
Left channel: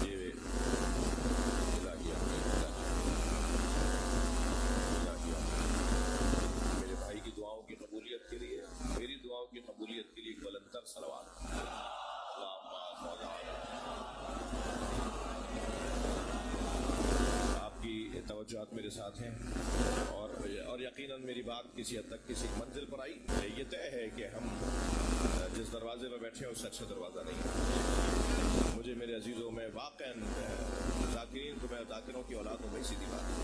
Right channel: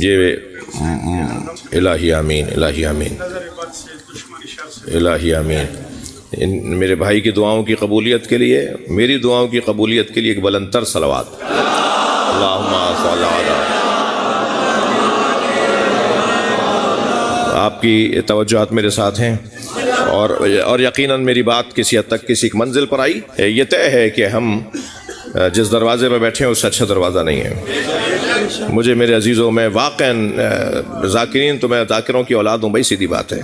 یہ الہی آمین، الہی آمین، الہی آمین۔ میرے بھائی کی دعاؤں کی قبولیت کے لیے، میری دعاؤں کی قبولیت کے لیے ایک بلند تر صلوات۔ اللہم صلی علی آپ کی توجہات میرے ساتھ ہیں اور یقیناً میری بات کسی حد تک کسی ایک منزل پر آئی. یہ طے ہے کہ ہم جس دروازے پہ بیٹھے ہیں اس سے اچھا دروازہ نہیں ہے. مجھے میرے عزیزوں، میں واقعاً ذاکرین تو میں ذاکروں کی اولاد ہوں، بھائی سیدھی بات ہے،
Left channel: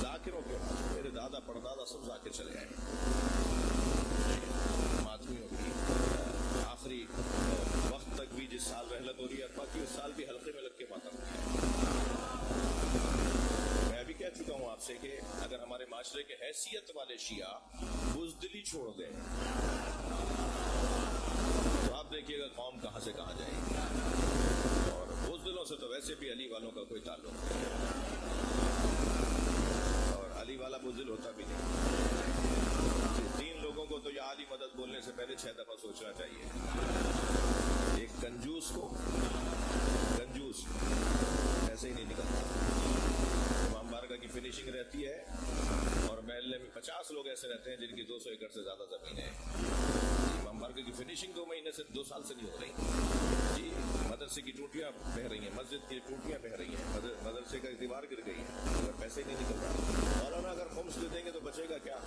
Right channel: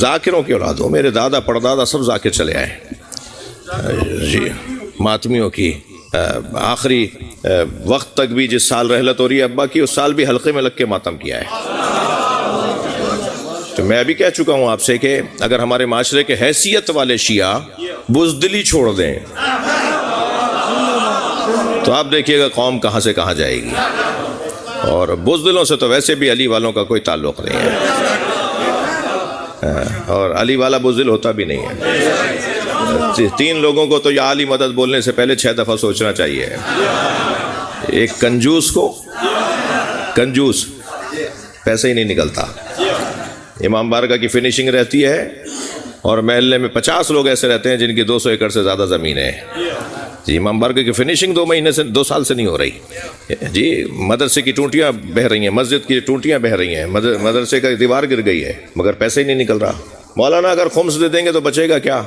ذاکروں کی اولاد ہوں. میرے دادا پردادا سب ذاکر چلے آئے جی. ماتمیوں کی آخری وقت تک بھی جس سال رحلت ہو رہی ہے ابا کی، اس سال بھی حلقے میں لگ کے ماتم کیا ہے. تو میں ابھی کہہ چکا ہوں آپ سے کہ اگر ہمارے معاشرے کے حیثیت والے شیعہ بزدلی چھوڑ دیں تو آپ دیکھیے گا قوم کہاں سے کہاں جائے گی. اور بزدلوں سے تو ویسے بھی علی والوں کا کوئی تعلق نہیں ہے، اور علی والا بزدل ہوتا بھی نہیں ہے. 3 لوگوں کو تو یا علی مدد بولنے سے پہلے 6 دفعہ سوچنا چاہیے. ایک کنجوس کو، کنجوس پیسے ہی نہیں نکلتا. امام بارگاہ کی فنیشنگ رہتی ہے اور محلے میں 50 لوگ ایسے رہتے ہیں جن کی 200 ایکڑ سے زیادہ زمین ہے جی. امام بارگاہ کی فنیشنگ 2 سال سے نہیں ہو رہی جی. مدرسے کی ٹوٹیاں بہہ رہی ہیں، مسجد کی ٹوٹیاں بہہ رہی ہیں، مدرسے کا دیوار گر گئی ہے، مگر پیسے ہی نہیں نکل رہا. مولانا اگر خمس دے دیں گے تو بچے گا کیا؟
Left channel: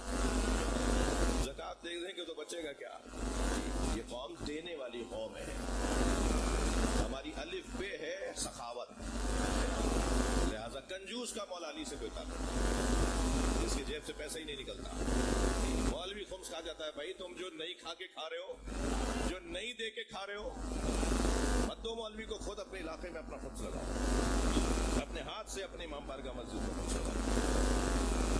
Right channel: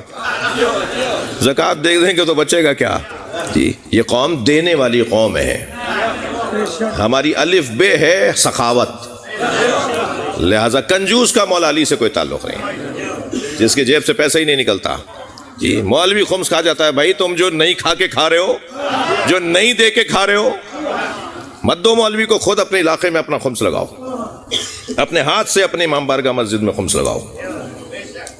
زکوٰۃ دے دیں گے تو بچے گا کیا جی؟ یہ قوم دینے والی قوم ہے. ہماری الف بے ہے سخاوت، لہذا کنجوس کا مولا علی سے کوئی تعلق نہیں، جس کی جیب سے پیسہ ہی نہیں نکلتا جی. مولوی خمس کھا جاتا ہے. بھائی تم جو نہیں کھا کے کھا رہے ہو، جو نہیں دے کے کھا رہے ہو، مت دو مولوی کو. خود اپنے علاقے میں اپنا خمس لگاؤ، اپنے ہاتھ سے اپنے امام بارگاہ مسجد میں خمس لگاؤ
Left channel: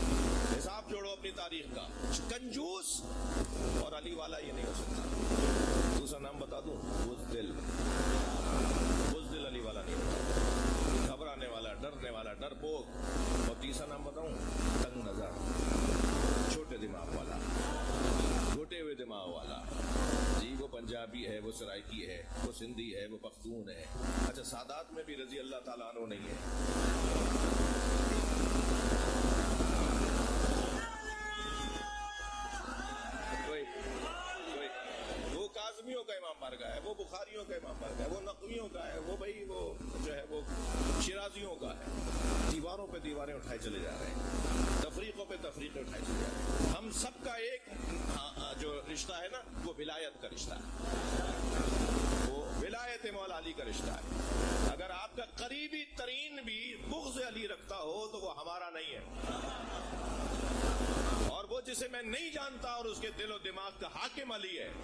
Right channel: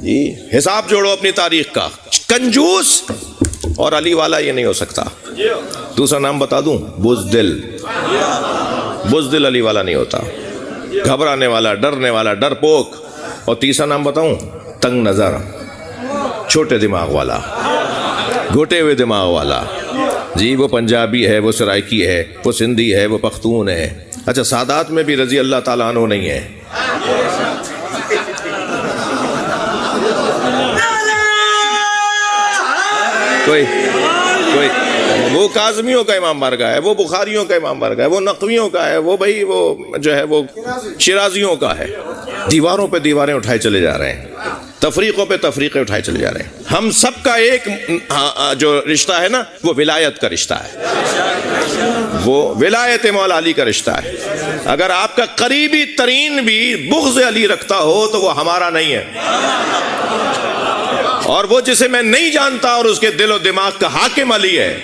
جی. حساب جوڑو اپنی تاریخ کا. کنجوس اور علی والا یہ نہیں ہو سکتا. دوسرا نام بتا دوں، بزدل. بزدل علی والا نہیں ہوتا، گھبرانے والا، ڈرنے والا، ڈرپوک. اور تیسرا نام بتاؤں، تنگ نظر، چھوٹے دماغ والا، گھٹے ہوئے دماغ والا جی. وہ پنجابی ہے، وہ سرائکی ہے، وہ سندھی ہے، وہ پختون ہے. اچھا سادات میں بھی رضی اللہ تعالیٰ عنہ نہیں ہے. کوئی وہ کاظمیوں کا امام بارگاہ ہے، وہ بخاریوں کا امام بارگاہ ہے، وہ نقویوں کا ہے، وہ بھائی وہ جو ہے وہ شیرازیوں کا ہے. دیواروں پہ دیواریں اٹھائے چلے جا رہے ہیں، تفریقوں پہ تفریقیں اٹھائے چلے جا رہے ہیں. ہم سب کا ایک جو رشتہ ہے نا، وہ ولایت کا رشتہ ہے، وہ ولایت مولا علی کا رشتہ ہے. اگر آپ کا قریبی ترین بھی بغض علی رکھتا ہو تو وہ ہمارا نہیں ہے، اور وہ جسے میں نہیں جانتا اور اس کے دل و دماغ کا حاکم علی ہے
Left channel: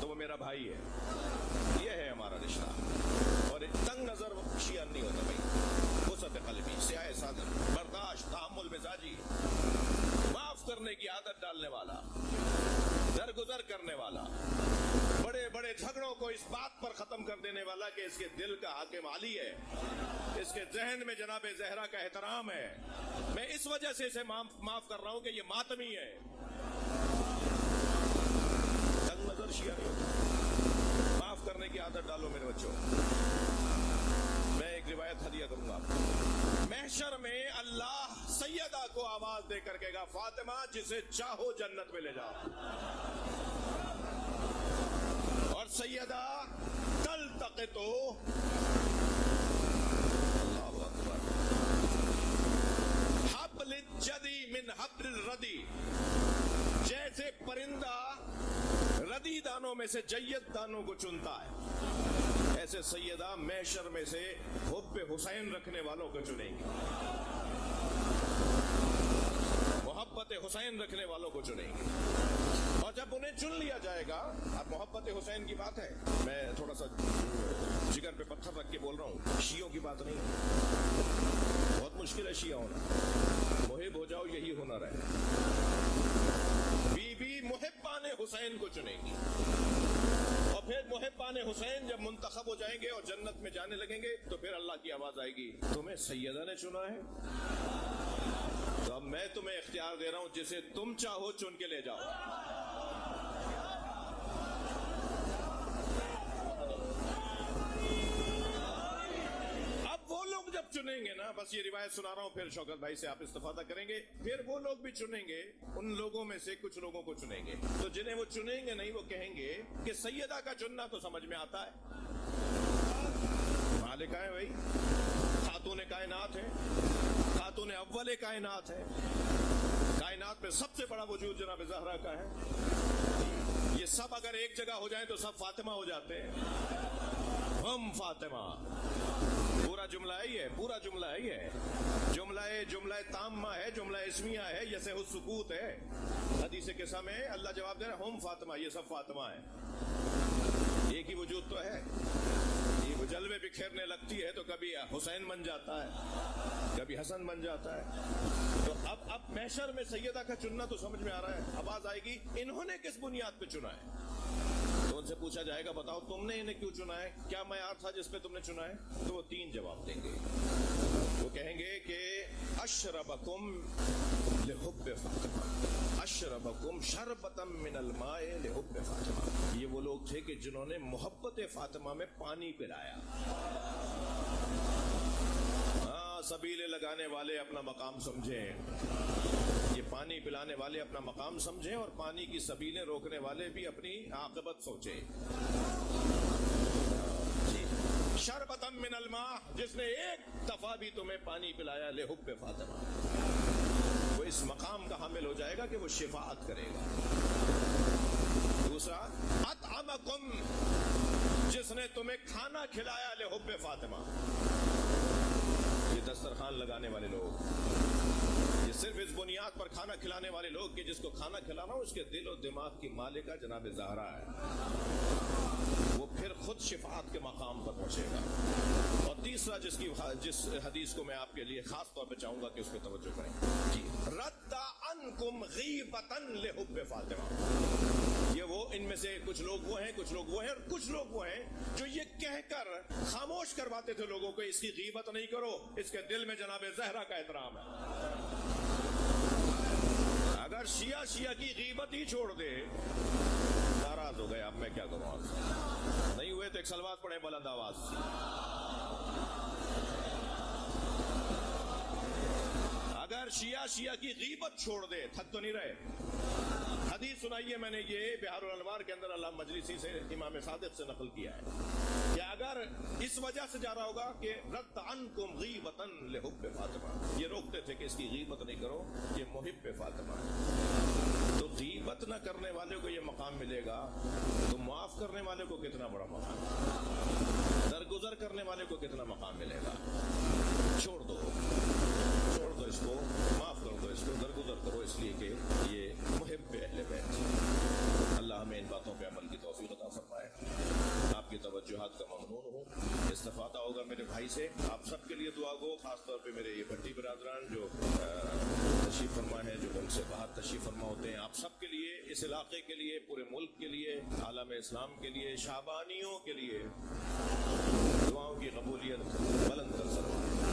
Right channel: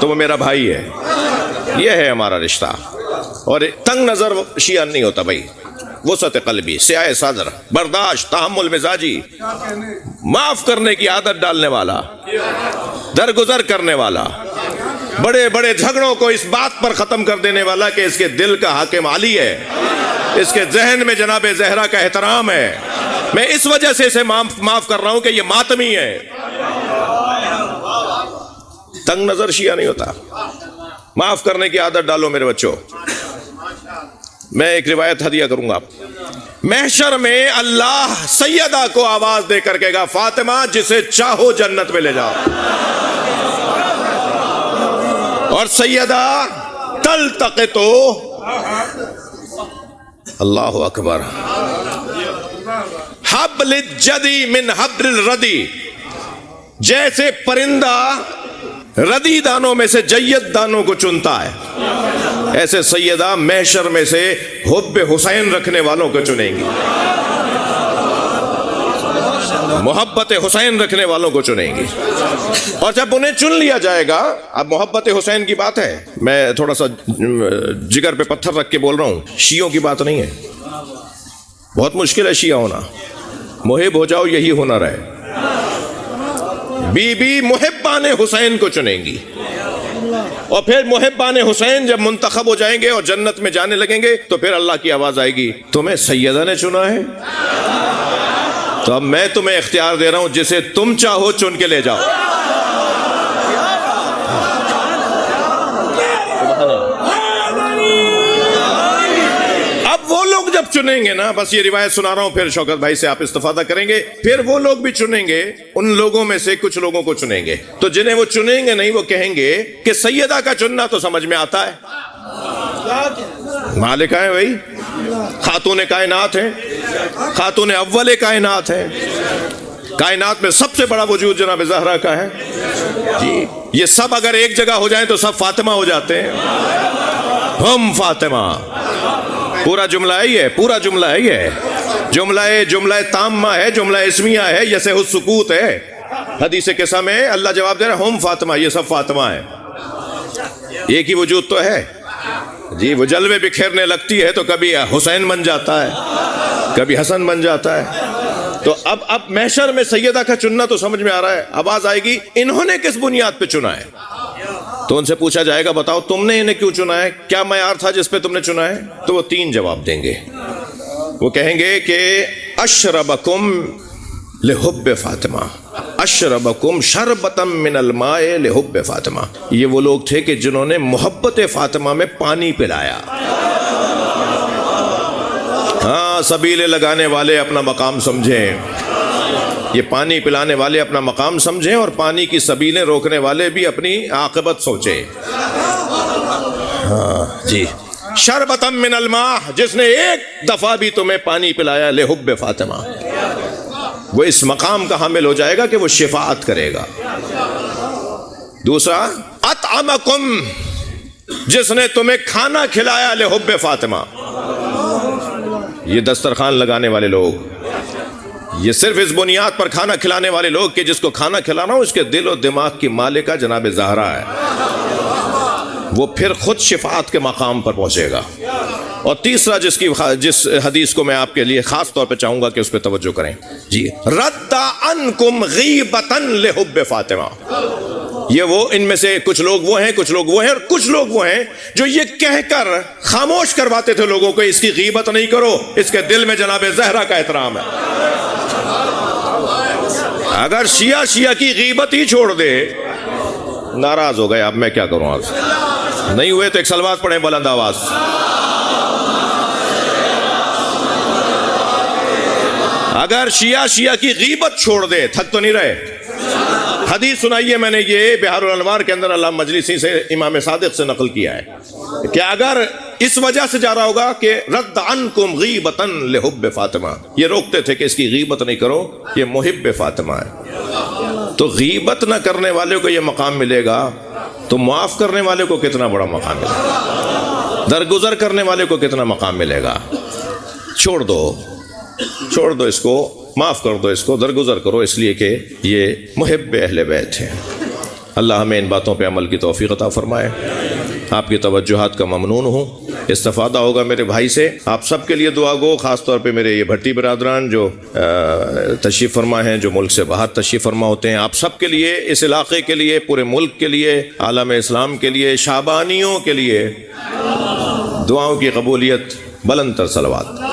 تو وہ میرا بھائی ہے. یہ ہے ہمارا رشتہ. اور تنگ نظر شیعہ نہیں ہوتا بھائی. وسعت قلبی، سیاہ صدر، برداشت، تحمل مزاجی، معاف کرنے کی عادت ڈالنے والا، درگزر کرنے والا، بڑے بڑے جھگڑوں کو اس بات پر ختم کر دینے والا کہ اس کے دل کا حاکم علی ہے، اس کے ذہن میں جناب زہرا کا احترام ہے. میں اس وجہ سے اسے معاف کر رہا ہوں کہ یہ ماتمی ہے. تنگ نظر شیعہ نہیں ہوتا. معاف کرنے کی عادت ڈالو میرے بچوں. میں ایک روایت ہدیہ کروں گا. محشر میں اللہ سیدہ کو آواز دے کر کہے گا، فاطمہ جسے چاہو جنت میں لے جاؤ. اور سیدہ تلتقط، اللہ اکبر، حبل الجدی من حبل الردی. جیسے پرندہ ردی دانوں میں سے جید دانوں کو چنتا ہے، ایسے سیدہ محشر میں سے حب حسین رکھنے والوں کو چنیں گی، محبت حسین رکھنے والوں کو چنیں گی. اور جب انہیں چن لیا جائے گا، اب محبت حسین کی بات ہے، میں تھوڑا سا جگر پہ پتھر رکھ کے بول رہا ہوں، شیعوں کی بات نہیں ہے. بہت مشکل ہے شیعہ ہونا. محب ہو جاؤ، یہی ہنر ہے. بی بی محبان حسین کو چنیں گی، اور پھر محبان حسین جب منتخب ہو جائیں گے اور جنت میں جانے لگیں گے تو پھر اللہ کی آواز آئے گی، تمہیں سیدہ نے چنا ہے تو اب میں تمہیں اختیار دے رہا ہوں، جسے تم چاہو چن کے لے جاؤ. اب وہ لوگ جب چنیں گے نا، بس یہ روایت سنا رہا ہوں، پھر شوکت بھائی سے آپ استفادہ کریں گے. پھر وہ لوگ بھی چنیں گے، ان لوگوں میں سے کچھ لوگوں کو چنیں گے. تو جنہیں وہ چنیں گے نہیں، وہ کہیں گے کہ سیدہ کا چننا تو سمجھ میں آتا ہے، مالکہ ہیں وہی، خاتون کائنات ہیں، خاتون اول کائنات ہیں، کائنات میں سب سے بڑا وجود جناب زہرا کا ہے جی۔ یہ سب اگر ایک جگہ ہو جائیں تو سب فاطمہ ہو جاتے ہیں، ہم فاطمہ، پورا جملہ ہے یہ، پورا جملہ ہے یہ، جملہ تامہ ہے، جملہ اسمیہ ہے، یسع السکوت ہے۔ حدیث قصہ میں اللہ جواب دے رہا ہے ہم فاطمہ، یہ سب فاطمہ ہیں، ایک ہی وجود تو ہے جی۔ وہ جلوے بکھیرنے لگتی ہے تو کبھی حسین بن جاتا ہے، کبھی حسن بن جاتا ہے۔ تو اب محشر میں سیدہ کا چننا تو سمجھ میں آ رہا ہے، آواز آئے گی انہوں نے کس بنیاد پہ چنا ہے؟ تو ان سے پوچھا جائے گا بتاؤ تم نے انہیں کیوں چنا ہے، کیا معیار تھا جس پہ تم نے چنا ہے؟ تو وہ 3 جواب دیں گے، وہ کہیں گے کہ اشربکم لحب فاطمہ، اشربکم شربتا من الماء لحب فاطمہ۔ یہ وہ لوگ تھے کہ جنہوں نے محبت فاطمہ میں پانی پلایا۔ ہاں، سبیلے لگانے والے اپنا مقام سمجھیں، یہ پانی پلانے والے اپنا مقام سمجھیں، اور پانی کی سبیلیں روکنے والے بھی اپنی عاقبت سوچیں۔ ہاں جی، شربتا من الماء، جس نے ایک دفعہ بھی تمہیں پانی پلایا لحب فاطمہ، وہ اس مقام کا حامل ہو جائے گا کہ وہ شفاعت کرے گا۔ دوسرا، اطعمکم، جس نے تمہیں کھانا کھلایا لحب فاطمہ۔ یہ دسترخوان لگانے والے لوگ، یہ صرف اس بنیاد پر کھانا کھلانے والے لوگ کہ جس کو کھانا کھلانا ہو اس کے دل و دماغ کی مالکہ جناب زہرا ہے، وہ پھر خود شفاعت کے مقام پر پہنچے گا۔ اور تیسرا جس حدیث کو میں آپ کے لیے خاص طور پہ چاہوں گا کہ اس پہ توجہ کریں جی، رد عنکم غیبتا لحب فاطمہ۔ یہ وہ، ان میں سے کچھ لوگ وہ ہیں، کچھ لوگ وہ ہیں، اور کچھ لوگ وہ ہیں جو یہ کہہ کر خاموش کرواتے تھے لوگوں کو اس کی غیبت نہیں کرو، اس کے دل میں جناب زہرا کا احترام ہے۔ اگر شیعہ کی غیبت ہی چھوڑ دے، ناراض ہو گئے، اب میں کیا کروں، آج نہیں ہوئے تو ایک صلوات پڑھیں بلند آواز۔ اگر شیعہ کی غیبت چھوڑ دے، تھک تو نہیں رہے؟ حدیث سنائیے، میں نے یہ بہار الانوار کے اندر علامہ مجلسی سے امام صادق سے نقل کیا ہے کہ اگر اس وجہ سے جا رہا ہوگا کہ رد عنکم غیبتا لحب فاطمہ، یہ روکتے تھے کہ اس کی غیبت نہیں کرو، یہ محب فاطمہ ہے، تو غیبت نہ کرنے والے کو یہ مقام ملے گا، تو معاف کرنے والے کو کتنا بڑا مقام ملے گا، درگزر کرنے والے کو کتنا مقام ملے گا۔ چھوڑ دو اس کو، معاف کر دو اس کو، درگزر کرو، اس لیے کہ یہ محب اہل بیت ہیں۔ اللہ ہمیں ان باتوں پہ عمل کی توفیق عطا فرمائے۔ آپ کی توجہات کا ممنون ہوں، استفادہ ہوگا میرے بھائی سے۔ آپ سب کے لیے دعا گو، خاص طور پہ میرے یہ بھٹی برادران جو تشریف فرما ہیں، جو ملک سے باہر تشریف فرما ہوتے ہیں، آپ سب کے لیے، اس علاقے کے لیے، پورے ملک کے لیے، عالم اسلام کے لیے، شعبانیوں کے لیے دعاؤں کی قبولیت، بلند تر صلوات۔